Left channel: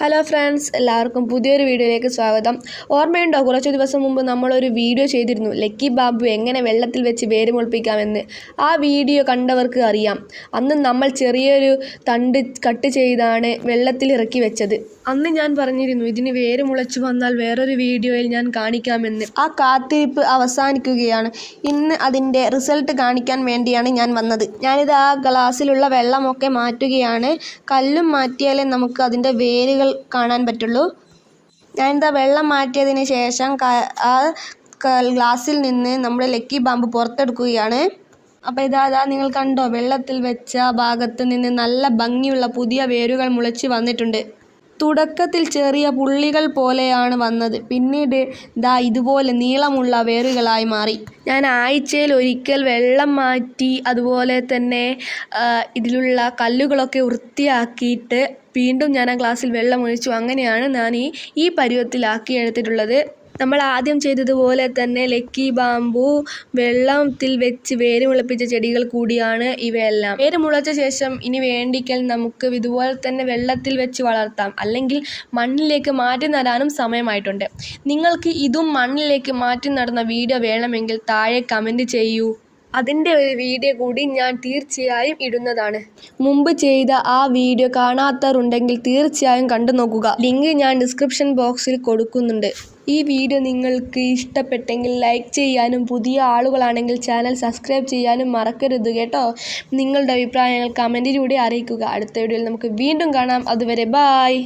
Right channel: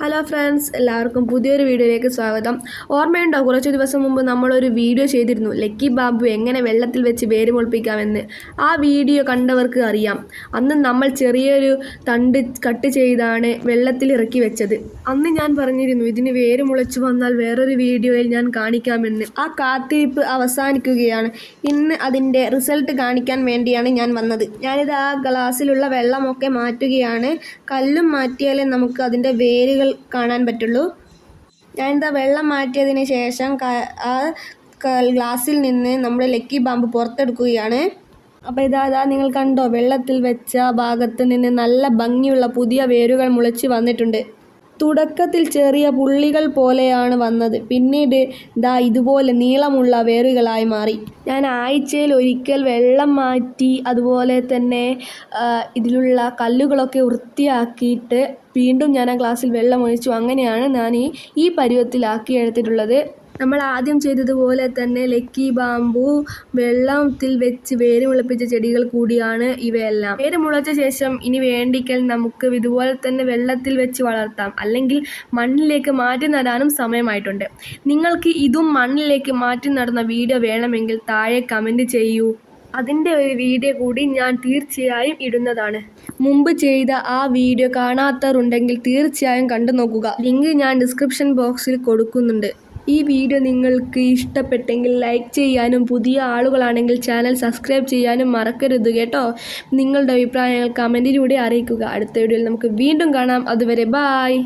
Hello friends, എല്ലാവർക്കും പുതിയൊരു വീഡിയോയിലേക്ക് സ്വാഗതം. ഓർമ്മയുണ്ടോ, കുറച്ച് ദിവസം മുമ്പ് നമ്മളൊരു വീഡിയോ ചെയ്തിരുന്നു ലക്കി ബാമ്പു എങ്ങനെ വെള്ളത്തിൽ വെച്ച് വേര് മുളപ്പിക്കാമെന്ന്. ആ വീഡിയോ കണ്ടവർക്ക് അറിയാം. അന്ന് നമ്മൾ ചെറിയൊരു തണ്ട് കട്ട് ചെയ്താണ് വെള്ളത്തിൽ ഇറക്കി വെച്ചത്. അന്ന് ഞാൻ പറഞ്ഞിരുന്നു ഇതിന് വേര് മുളച്ചു വന്നാൽ വേറൊരു വീഡിയോയിൽ ഞാൻ കാണിക്കാമെന്ന്. ആ കാത്തിരിപ്പ് അവസാനിക്കുകയാണ്. ഇന്ന് അതിൻ്റെ റിസൾട്ട് കാണിക്കാൻ വേണ്ടിയാണ് ഞാൻ വന്നത്. ഞാനിത് ആ ഗ്ലാസ്സിലുള്ള വെള്ളമൊക്കെ മാറ്റുകയാണ്. കല്ലും മാറ്റിയാലേ നമുക്ക് അതിൻ്റെ വേരുകൾ കാണാൻ പറ്റുള്ളൂ. ഞാനിതാ വെള്ളം മാറ്റിയതിന് ശേഷം ആ ഗ്ലാസ്സിൽ നിന്ന് നമ്മുടെ ലക്കി ബാമ്പു പുറത്തെടുക്കുകയാണ്. അപ്പോൾ ഇതാ നിങ്ങൾ കണ്ടോ, വെള്ളത്തിൽ വെച്ച ഭാഗത്ത് നിന്ന് നല്ല ഭംഗിയുള്ള പുതിയ വേരുകൾ മുളച്ച് വന്നിട്ടുണ്ട്. തുടക്കത്തിൽ ചെറിയ പുള്ളികൾ പോലെയാണ് വന്നത്, പിന്നീട് ഇതുപോലെ നീളമുള്ള വേരുകളായി മാറി. ഞാൻ ആഴ്ചയിൽ ഒരിക്കൽ വെള്ളം മാറ്റി അതുപോലെ തന്നെ ഇതിലുള്ള കല്ലുകളൊക്കെ വൃത്തിയാക്കിയിട്ട് വീണ്ടും ഞാൻ ആ ഗ്ലാസ്സിൽ വെള്ളം ഒഴിച്ചു. അങ്ങനെയാണ് ഞാൻ ഈ പരുവത്തിലാക്കി എടുത്തിട്ടുള്ളത്. നമ്മൾ ആദ്യം ചെയ്തതുപോലെ തന്നെ ലക്കി ബാമ്പു വെള്ളത്തിൽ വെച്ച് വേര് മുളപ്പിച്ച ചെടികൾ കൂടിയാണ് ഇവയെല്ലാം. വേര് മുളച്ച ശേഷം ഇനി വേണ്ടിക്കൽ നമുക്ക് ഇതുപോലെ തന്നെ വെള്ളത്തിൽ വെച്ച് വളർത്താം, അല്ലെങ്കിൽ മണ്ണിലേക്ക് മാറ്റി നടാനും സമയമായിട്ടുണ്ട്. നിങ്ങൾക്ക് ഇതും മണ്ണിലേക്ക് മാറ്റി നടുന്ന വീഡിയോ വേണമെങ്കിൽ താഴെ കമൻറ്റ് ചെയ്യൂ. അതിൻ്റെ ഒരു വീഡിയോ കൂടി ഞാൻ തീർച്ചയായും ഇടുന്നതാണ്. മുമ്പ് ചെയ്ത ആ വീഡിയോ കാണാത്തവരുണ്ടെങ്കിൽ തീർച്ചയായും കണ്ടു നോക്കുക. ലിങ്ക് ഞാൻ ഡിസ്ക്രിപ്ഷൻ ബോക്സിൽ കൊടുക്കുന്നുണ്ട്. ഈ വീഡിയോ നിങ്ങൾക്ക് ഇഷ്ടപ്പെട്ടെങ്കിൽ ലൈക്ക് ചെയ്യാനും പുതിയ ആളുകളാണെങ്കിൽ ചാനൽ സബ്സ്ക്രൈബ് ചെയ്യാനും മറക്കരുത് കേട്ടോ. നിങ്ങളുടെ അഭിപ്രായങ്ങൾ കമൻറ്റിലൂടെ അറിയിക്കുക. അടുത്ത വീഡിയോയിൽ നമുക്ക് വീണ്ടും കാണാം. അതുവരെ ബായ്.